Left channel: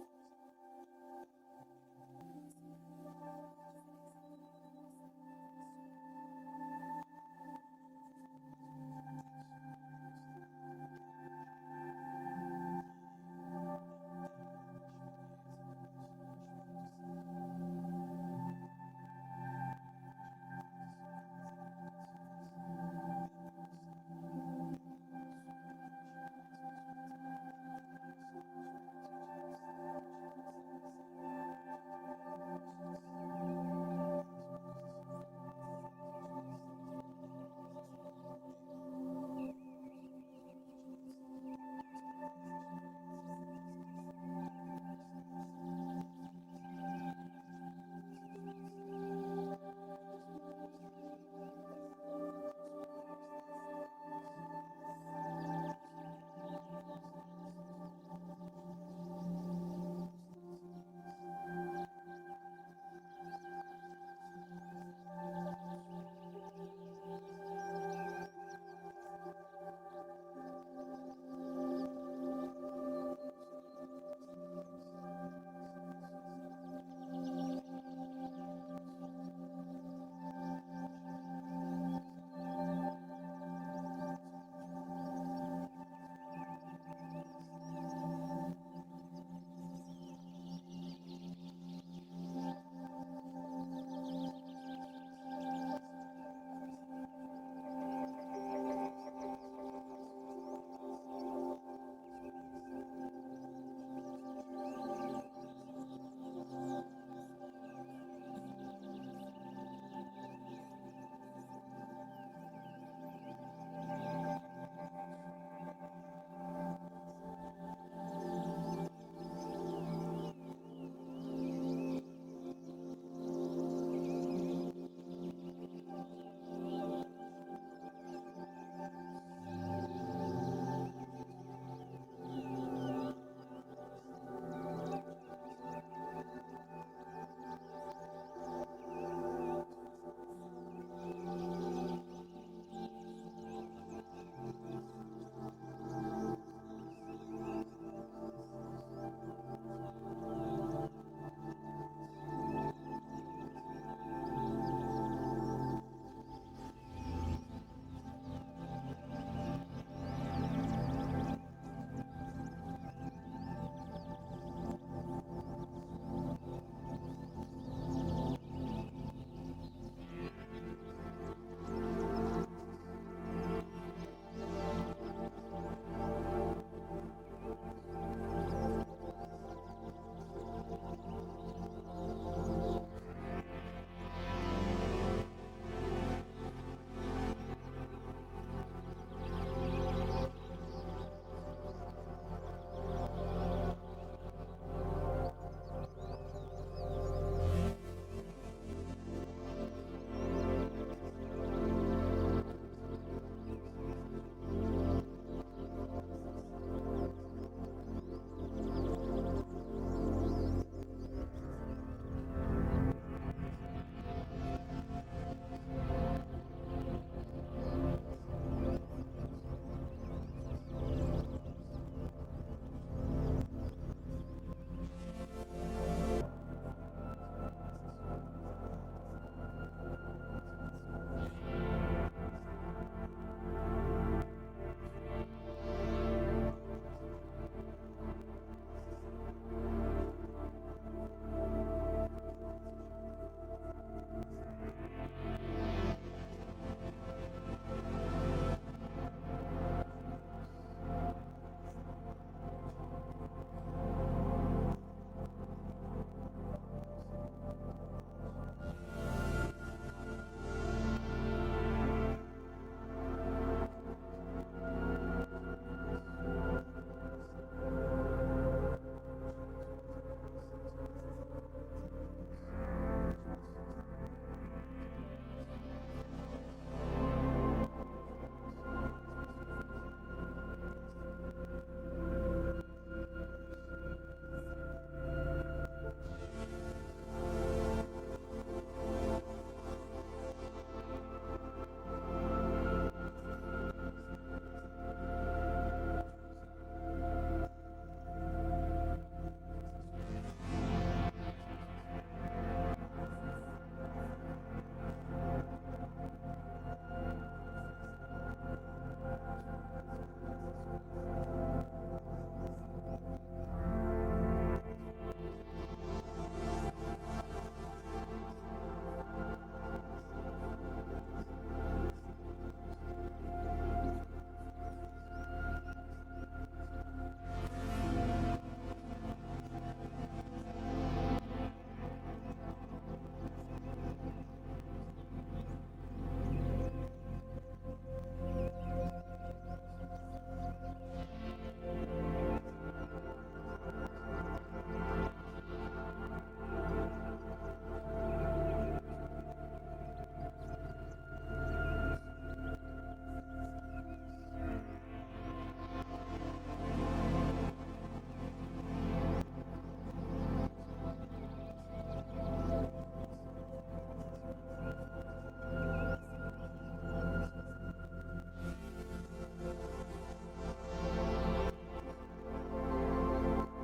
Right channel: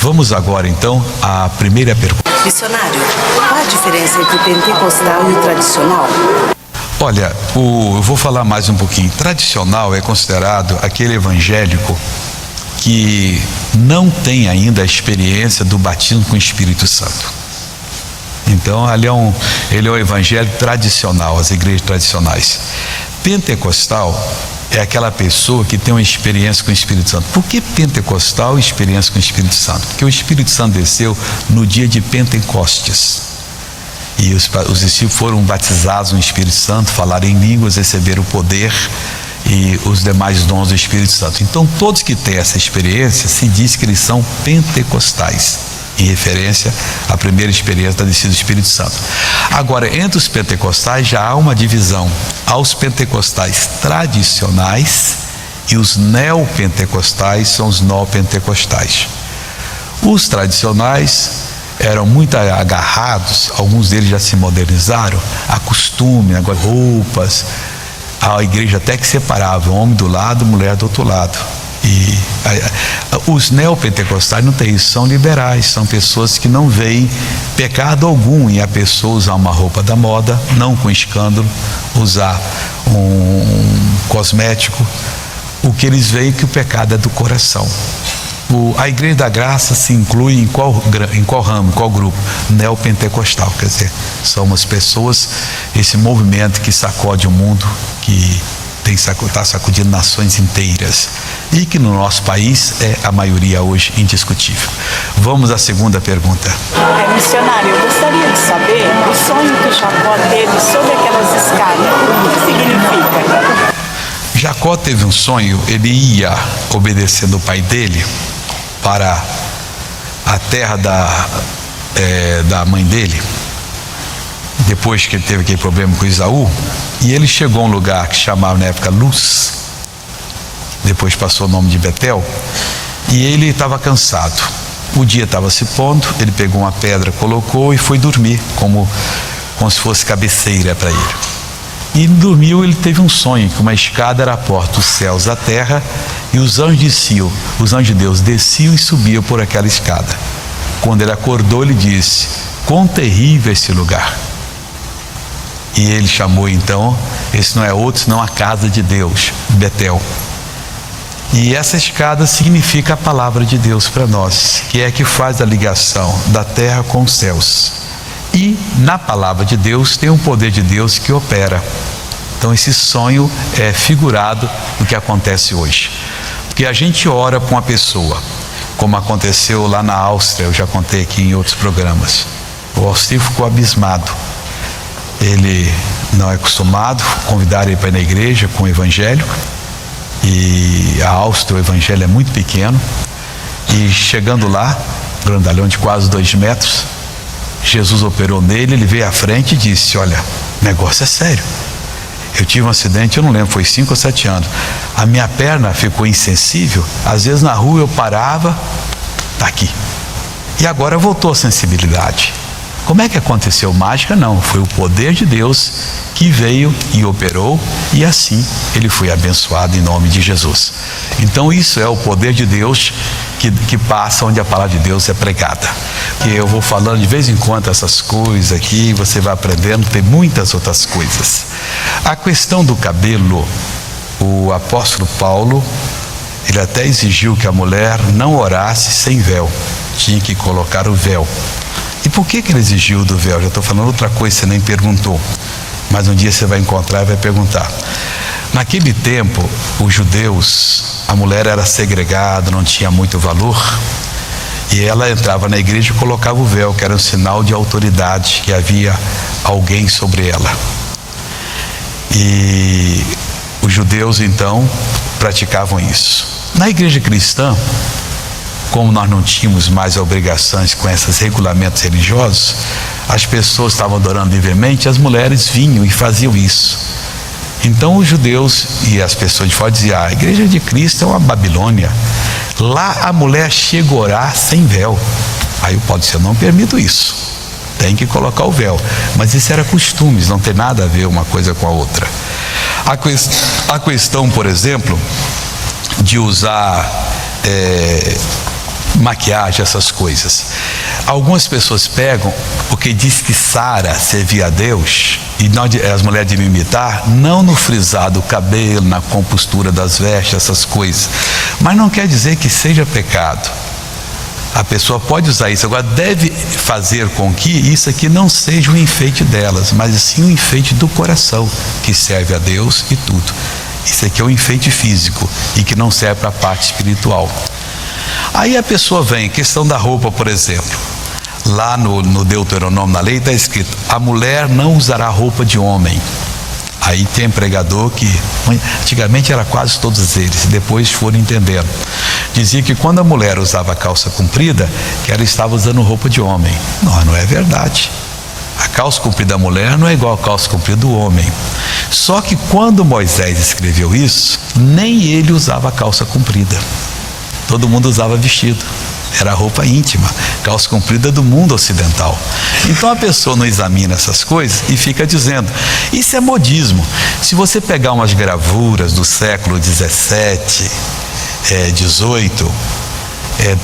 Vamos agora então à primeira pergunta. Missionário, qual a diferença entre pentecostal e o tradicional? Olha, eu vou falar mais um pouquinho. Tradicional é considerado aquele evangélico que não tem ainda a experiência do batismo com o Espírito Santo. Então, ele é um evangelho tradicional, as igrejas tradicionais. Pentecostal é aquela pessoa que tem uma experiência com o Espírito Santo. Por que pentecostal e experiência com o Espírito Santo? Porque o Espírito Santo desceu no dia de Pentecostes. E os discípulos foram batizados no Espírito Santo, falaram em línguas, receberam o poder e os demais dons do Espírito Santo. Então, todos que têm essa experiência, se diz que eles são pentecostais, em referência à primeira experiência da descida do Espírito Santo. Agora, entre os pentecostais já há uma divisão. Há os pentecostais tradicionais e os neopentecostais são os neopentecostais. Os tradicionais eram muito agarrados, alguns deles já se modernizaram, a costume, agora roupas, a igreja até que separava, homem do lado, mulher do outro lado. E os neopentecostais não tem isso, são liberais, são pessoas que não veem pecado algum em a pessoa usar uma roupa da moda, não com escândalo, usar um cosmético. O que eles veem é que o pecado é do coração. A Igreja da Graça se inclui em qual ramo, em qual grupo? Neopentecostal, quer dizer, somos pessoas, esse movimento que sacode o mundo, que está sacudindo nações inteiras e que no nosso país é a maioria hoje indiscutível. Vamos à segunda pergunta. Missionário, eu gostaria de saber o sonho que Jacó teve sobre aquelas escadas. O que significa? Jacó teve um sonho, ele ia obedecendo o pai dele para a terra da mãe dele, depois que ele teve aquele problema com Esaú, e ele chegou a um lugar que chamava na época Luz, depois passou o nome de Betel, e ele estava cansado. O dia estava se pondo, ele pegou uma pedra, colocou e foi dormir, como se fosse cabeceira para ele. E dormiu, ele teve um sonho, que uma escada era a porta dos céus à terra, e os anjos desciam, os anjos de Deus desciam e subiam por aquela escada. Quando ele acordou, ele disse: quão terrível é esse lugar. E ele chamou então, esse não é outro senão a casa de Deus, Betel. E essa escada significa a palavra de Deus para nós, que é a que faz a ligação da terra com os céus. E na palavra de Deus tem um poder de Deus que opera. Então esse sonho é figurado do que acontece hoje. Porque a gente ora para uma pessoa, como aconteceu lá na Áustria, eu já contei aqui em outros programas. O Alcir ficou abismado. Ele não é acostumado, convidaram ele para ir na igreja com o evangelho, e a Áustria, o evangelho é muito pequeno, e chegando lá, grandalhão de quase 2 metros, Jesus operou nele, ele veio à frente e disse: olha, o negócio é sério, eu tive um acidente, eu não lembro, foi 5 ou 7 anos, a minha perna ficou insensível, às vezes na rua eu parava, tá aqui, e agora voltou a sensibilidade. Como é que aconteceu? Mágica? Não, foi o poder de Deus que veio e operou, e assim ele foi abençoado em nome de Jesus. Então isso é o poder de Deus que passa onde a palavra de Deus é pregada. Que eu vou falando de vez em quando essas coisas aqui, você vai aprendendo, tem muitas outras coisas. A questão do cabelo, o apóstolo Paulo, ele até exigiu que a mulher não orasse sem véu, tinha que colocar o véu. E por que ele exigiu do véu? Já estou falando outra coisa, você nem perguntou, mas um dia você vai encontrar e vai perguntar. Naquele tempo, os judeus, a mulher era segregada, não tinha muito valor, e ela entrava na igreja e colocava o véu, que era um sinal de autoridade, que havia alguém sobre ela. E os judeus então praticavam isso. Na igreja cristã, como nós não tínhamos mais obrigações com esses regulamentos religiosos, as pessoas estavam adorando livremente, as mulheres vinham e faziam isso. Então os judeus e as pessoas de fora diziam: a igreja de Cristo é uma Babilônia, lá a mulher chega a orar sem véu. Aí pode ser: eu não permito isso, tem que colocar o véu. Mas isso era costumes, não tem nada a ver uma coisa com a outra. A questão, por exemplo, de usar maquiagem, essas coisas. Algumas pessoas pegam, porque diz que Sara servia a Deus, e as mulheres deviam imitar, não no frisar do cabelo, na compostura das vestes, essas coisas. Mas não quer dizer que seja pecado. A pessoa pode usar isso, agora deve fazer com que isso aqui não seja um enfeite delas, mas sim um enfeite do coração, que serve a Deus e tudo. Isso aqui é um enfeite físico e que não serve para a parte espiritual. Aí a pessoa vem, questão da roupa, por exemplo. Lá no Deuteronômio, na lei, está escrito: a mulher não usará roupa de homem. Aí tem pregador que, antigamente era quase todos eles, depois foram entendendo. Dizia que quando a mulher usava calça comprida, que ela estava usando roupa de homem. Não é verdade. A calça comprida da mulher não é igual a calça comprida do homem. Só que quando Moisés escreveu isso, nem ele usava calça comprida. Todo mundo usava vestido. Era roupa íntima, calça comprida do mundo ocidental. Então a pessoa não examina essas coisas e fica dizendo: isso é modismo. Se você pegar umas gravuras do século 17, 18,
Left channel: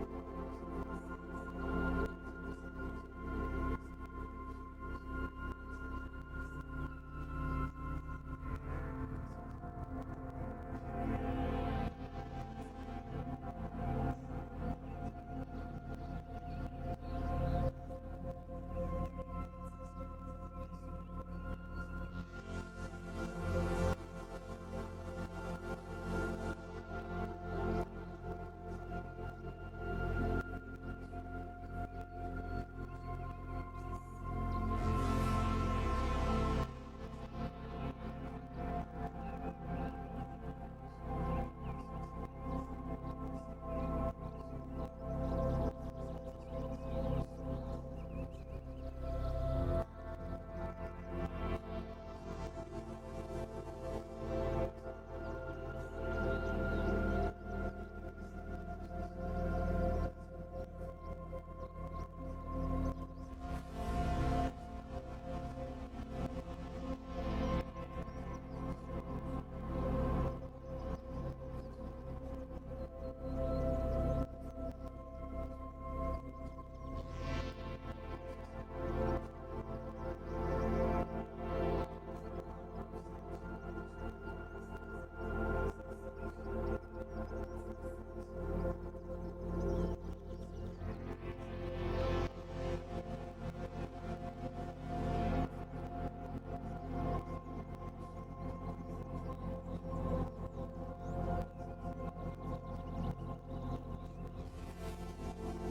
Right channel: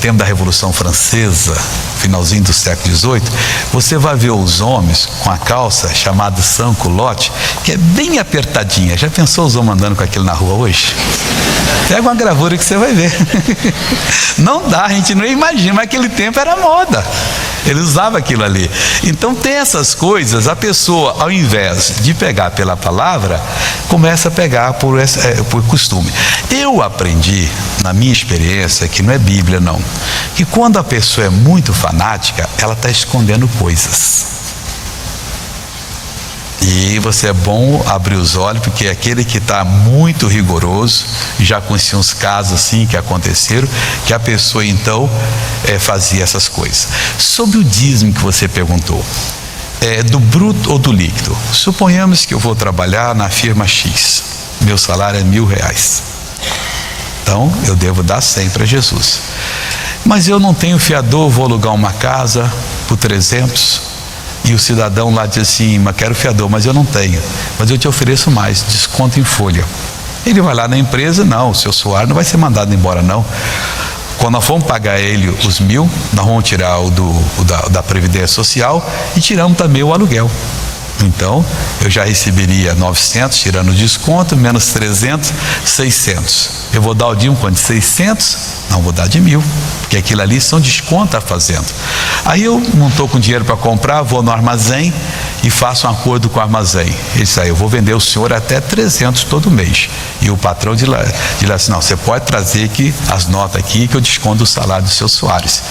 tempo da Revolução Francesa, finalzinho do século 18, você vai ver os homens com a calça chamada sans-culotte, que é bem apertadinha. Já pensou os homens andando com aquilo na rua hoje? Pega uma gravura que você vai ver. Não dá, a gente não imagina, mas aquele tempo era moda. Ele usava aquilo ali. Então tem essas coisas, a pessoa, ao invés de pegar pela palavra, começa a pegar por costume. Eu aprendi, na minha experiência, que não é Bíblia não, que quando a pessoa é muito fanática, ela está escondendo coisas. E você é bom abrir os olhos, porque aquele que está muito rigoroso, já conheci uns casos assim que aconteceram, que a pessoa então fazia essas coisas. Sobre o dízimo que você perguntou, do bruto ou do líquido? Suponhamos que eu vou trabalhar na firma X, meu salário é R$1.000, então eu devo dar 100 para Jesus. Mas eu não tenho fiador, vou alugar uma casa por 300. E o cidadão lá diz assim: mas quero fiador, mas eu não tenho, mas eu te ofereço mais, desconto em folha. Ele vai lá na empresa: não, o seu salário não vai ser mandado embora não. Quando nós formos pagar ele os 1.000, nós vamos tirar o da Previdência Social e tiramos também o aluguel. Então eu já receberia 900, tirando o desconto, menos 300, 600. Eu vou dar o dízimo quanto? De 600? Não, vou dar de 1.000, porque aquilo ali são desconto tá fazendo. Aí eu não estou com dinheiro para comprar, vou no armazém e faço um acordo com o armazém. Ele diz: eu vou vender o senhor até 300 todo mês. E o patrão diz lá assim: não, você pode trazer aqui as notas aqui que eu desconto o salário dos seus Soares.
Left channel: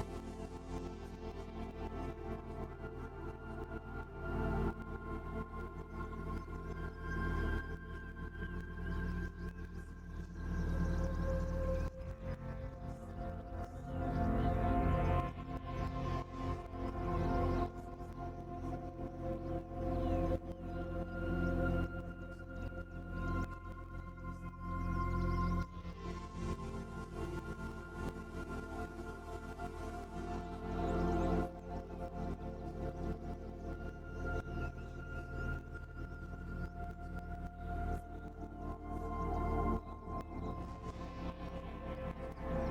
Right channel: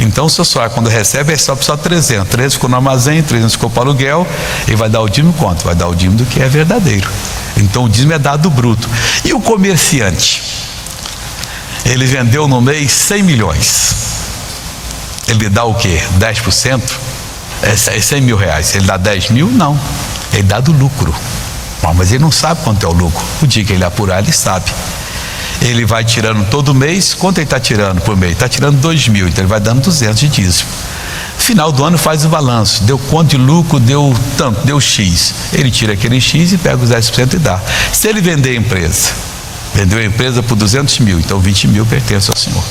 Então o seu Soares, quando recebe, é só 300. 300 ficou no armazém, 300 ficou para o aluguel. E vai dar o dízimo quanto? Vai dar o dízimo do que é verdadeiro. Então o dízimo é dado bruto. E o comerciante? Ele vendeu no mês 100 milhões. Ele dá o quê? 10%? É 100 mil reais. Ele dá 10 mil? Não. Ele dá do lucro. Bom, mas ele não sabe quanto é o lucro. O dia que ele apurar, ele sabe. Ele vai tirando todo mês. Quanto ele está tirando por mês? Está tirando 2 mil. Então ele vai dando 200 de dízimo. Final do ano faz o balanço. Deu quanto de lucro? Deu tanto, deu X. Ele tira aquele X e pega os 10% e dá. Se ele vender a empresa, vendeu a empresa por 200 mil, então 20 mil pertence ao Senhor.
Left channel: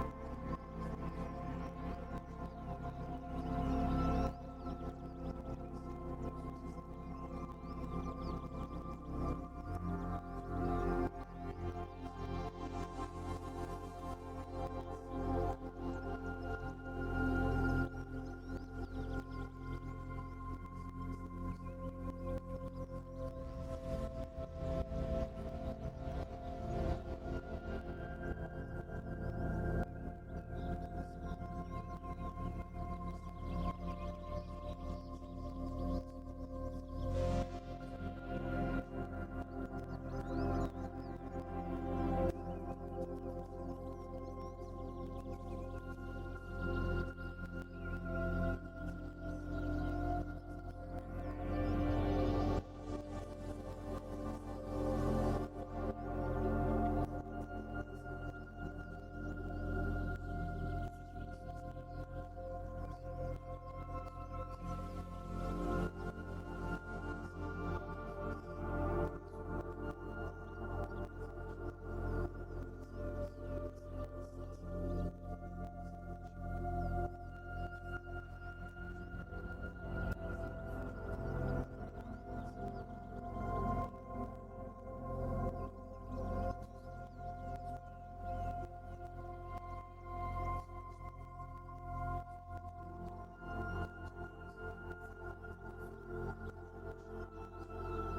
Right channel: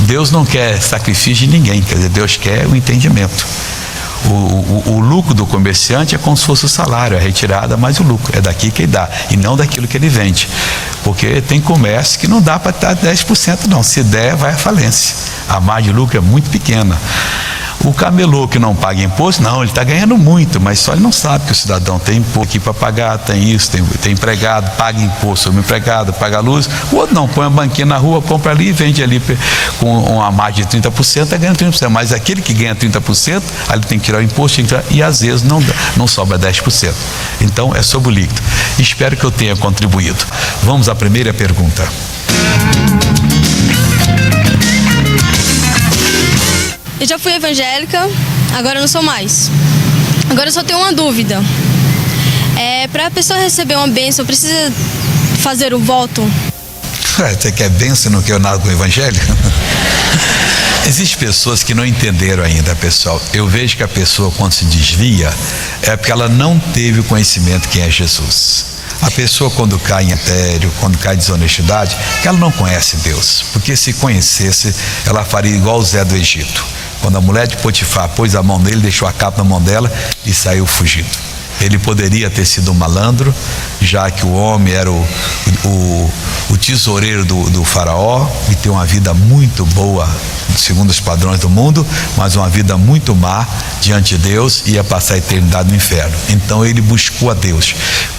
Deus não quer sacrifício de ninguém, quer dizer, Deus quer o entendimento. O lucro do comerciante é como se fosse o salário, a retirada mais o lucro, é daqui que ele dá, e não daquilo que ele vende. Porque tem comércio que não dá para dar 10% não, se der vai à falência, a margem de lucro é muito pequena. O camelô que não paga imposto, não, ele está ganhando muito, mas só ele não sabe que o cidadão tem imposto aqui para pagar, tem isso, tem empregado, paga imposto sobre o empregado, paga a luz. O outro não, põe a banquinha na rua, compra ali e vende ali com uma margem de 30%, está ganhando 30%. Mas aquele que ganha 30%, ali tem que tirar o imposto e às vezes não sobra 10%. Então é sobre o líquido. Espero que eu tenha contribuído. Vamos à primeira pergunta. Eu já fui evangélica, agora eu não sou mais. Agora eu só tenho uma dúvida. Para a pessoa receber uma bênção, precisa fazer o voto? Você quer bênção no que eu nada com o evangelho? Existem pessoas que não entenderam ainda, pessoal. Eu vejo que a pessoa, quando se desvia, é porque ela não teve o conhecimento de quem é Jesus. A pessoa, quando cai em adultério, quando cai em desonestidade, ela não conhece Deus, porque se conhecesse, ela faria igual o Zé do Egito. Quando a mulher de Potifar pôs a mão nele, deixou a capa na mão dela e saiu fugindo. Ele poderia ter sido um malandro, já que o homem era o tesoureiro do faraó e ter uma vida muito boa, segundo os padrões do mundo, mas uma vida muito má diante de Deus, ia passar a eternidade no inferno. Então ele buscou a Deus.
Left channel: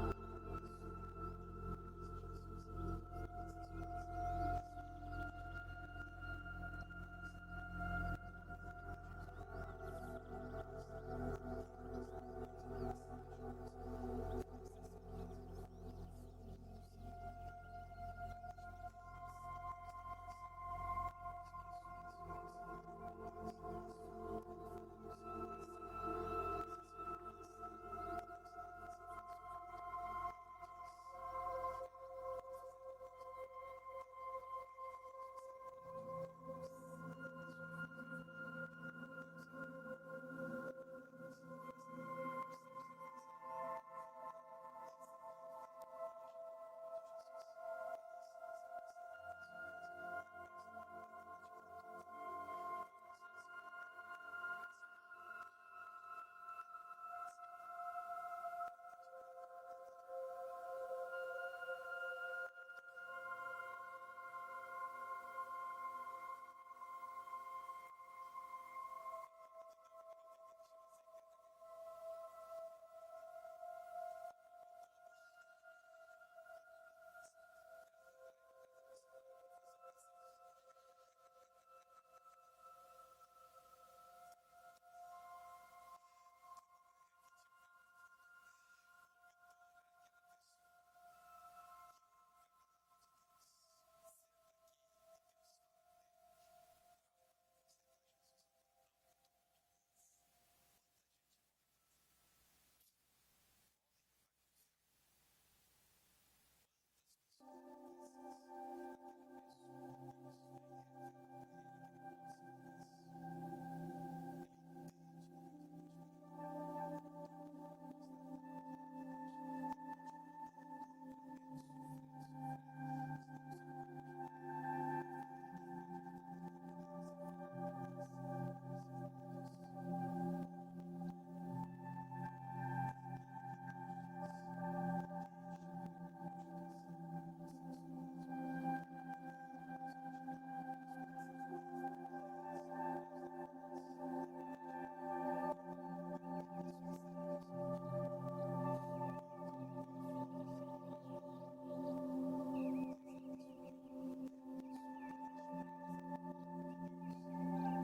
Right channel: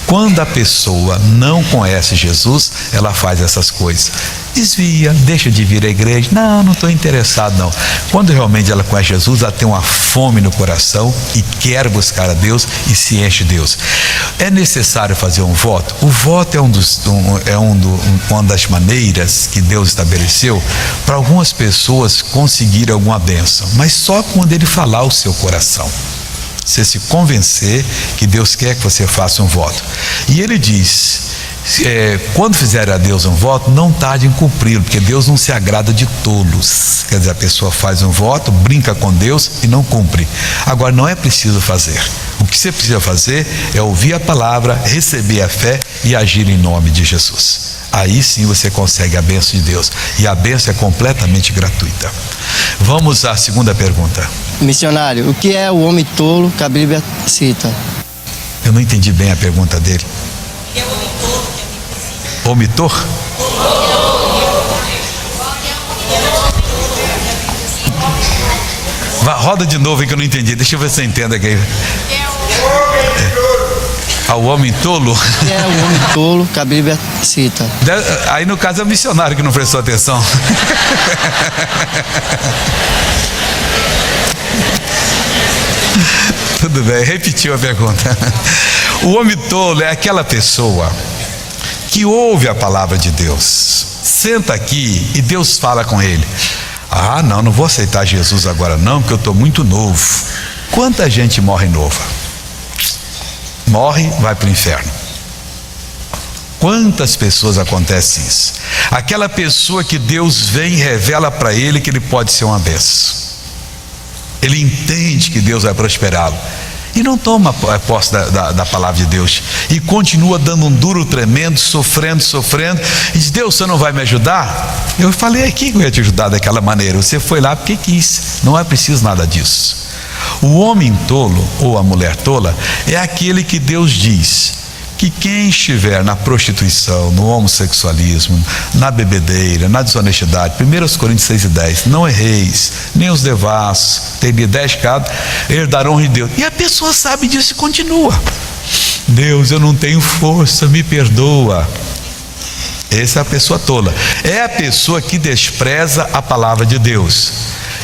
Quando a pessoa não conhece Jesus, ela faz essas coisas. Desvia, deixa de vir à igreja. Não estou interessado não. Quando realmente ela conhece Jesus, ela tem uma fome no coração e quer buscar a Deus e se enche de Deus. É necessário fazer um voto? O voto é uma das maneiras que Deus estabeleceu para algumas pessoas conseguirem alguma bênção, mas só quando Ele falar o seu coração. Você se convencer que Deus quer que você faça um voto. E Ele diz... quando fizer a Deus um voto, não tarde em cumpri-lo, porque Deus não se agrada de tolos. Quer dizer, a pessoa faz um voto, brinca com Deus e não cumpre. Agora, não é preciso fazer. O que você precisa fazer é ouvir a palavra, receber a fé e agir em nome de Jesus. Aí sim você consegue a bênção de Deus, e a bênção é completamente gratuita. Vamos à segunda pergunta. Missionário, o que é o homem tolo que a Bíblia cita? Eu não entendi bem a pergunta dele. Omitor? Roda de novo aí que eu não entendi. Deixa eu ver se você entende aqui. O homem tolo? Que é o homem tolo que a Bíblia cita? Aí no caso é o missionário que não prestou atenção. Tudo bem, repetiu a pergunta. O homem tolo é aquela pessoa que ouve a palavra de Deus, senta aqui e Deus fala com ele. Não vou aceitar Jesus agora não, porque eu estou muito novo. Quanta gente morre nova? Morre, vai para o inferno. Quantas pessoas acontece isso? Aquela pessoa que Deus vem e revela para ele que ele pode ser uma bênção. Ele entende que Deus vai prosperá-lo e não toma posse da palavra de Deus, e continua dando um duro tremendo, sofrendo, e diz: Deus, você não vai me ajudar? Eu falei aqui que eu ia te ajudar daquela maneira, você foi lá porque quis. Não é preciso nada disso. O homem tolo ou a mulher tola é aquele que Deus diz que quem estiver na prostituição, no homossexualismo, na bebedeira, na desonestidade, 1 Coríntios 6:10, não erreis, nem os devassos, teria 10 pecados, herdarão de Deus. E a pessoa sabe disso e continua. Deus, eu não tenho força, me perdoa. Essa é a pessoa tola. É a pessoa que despreza a palavra de Deus.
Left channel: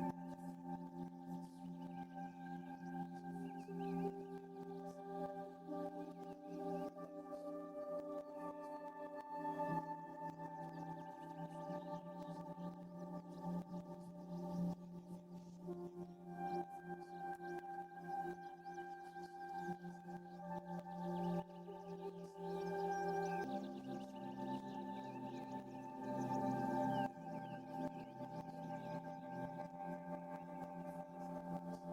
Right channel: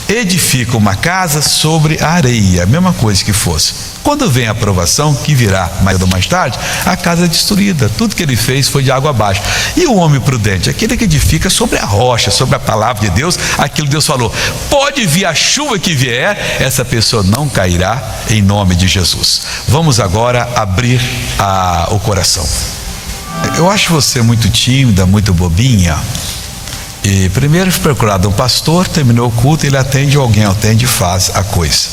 Edifica uma casa sobre a areia, a mesma coisa que fosse. Quando vem a provação, que virá mais ou mais tarde, a casa é destruída. Tudo que ele fez foi de água abaixo. E o homem prudente, aquele que edifica sobre a rocha, sobre a palavra de Deus, aquilo que Deus falou. Pode vir a chuva que vier, essa pessoa não cairá em nome de Jesus. Vamos agora abrir o coração. Eu acho você muito tímida, muito bobinha. E primeiro procurado um pastor, terminou o culto, ele atende, alguém atende e faz a coisa.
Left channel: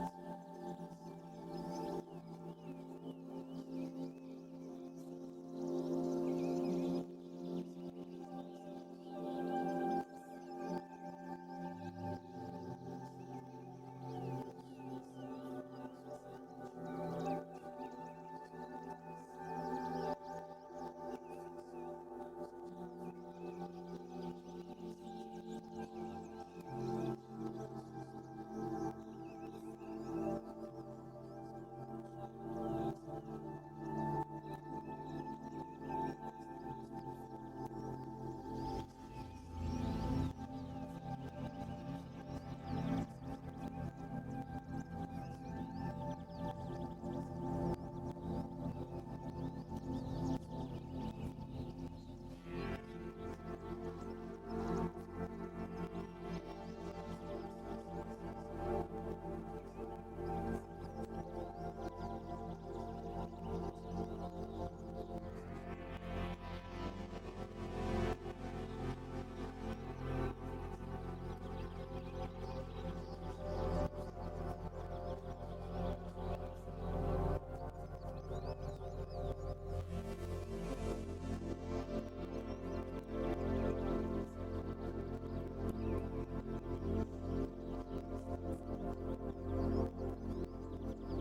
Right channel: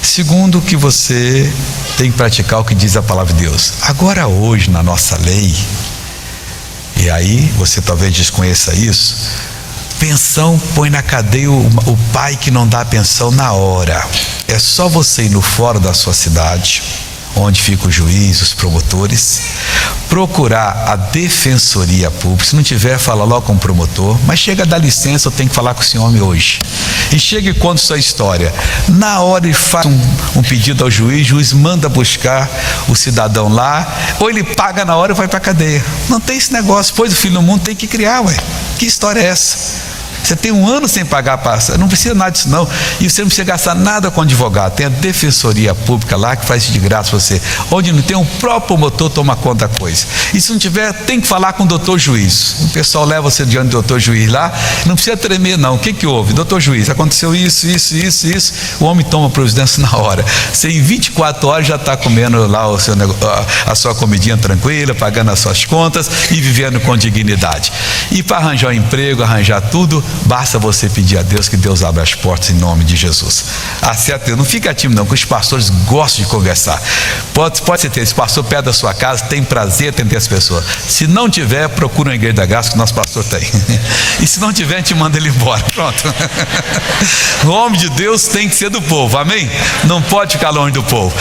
Segundo, que você tem que praticar o que diz a palavra de Deus. Agora hoje, na nossa lei, e aí você talvez desconheça isso, pensão põe na cadeia o pai que não dá pensão na hora. É só você ir no fórum da sua cidade, onde fica o juiz, os promotores, procurar a defensoria pública. Se não tiver, fala logo com o promotor, mas chega a dar licença, eu tenho que falar com esse homem hoje. E chega e conta sua história. Na hora ele faz um pedido ao juiz, o juiz manda buscar o cidadão lá, ou ele paga na hora e vai para a cadeia. Não tem esse negócio, pois o filho do mundo tem que criar, ué. Que história é essa? Você tem um ano sem pagar a pasta, não precisa nada disso não, e você não precisa gastar nada com advogado. Tem a defensoria pública lá que faz isso de graça para você, onde não tem, o próprio promotor toma conta da coisa. E se não tiver, tem que falar com o doutor juiz. O pessoal leva você diante do doutor juiz lá, não precisa tremer não. O que houve? Doutor juiz, aconteceu isso, o homem toma providência na hora. Você em 24 horas já está comendo lá a sua comidinha tranquila, pagando as suas contas e vivendo com dignidade. E para arranjar um emprego, arranjar tudo, Basta você pedir a Deus que Deus abra as portas em nome de Jesus. Acerta Deus, não fica tímido não, que os pastores gostam de conversar. Pode ser ter esse pastor perto da sua casa, tem prazer em ter as pessoas. Se não tiver, procura uma igreja da graça que o nosso pastor tem. E se não tiver, a gente manda ele embora. Pronto. O homem de Deus tem que ser do povo, amém? Não pode ficar longe do povo.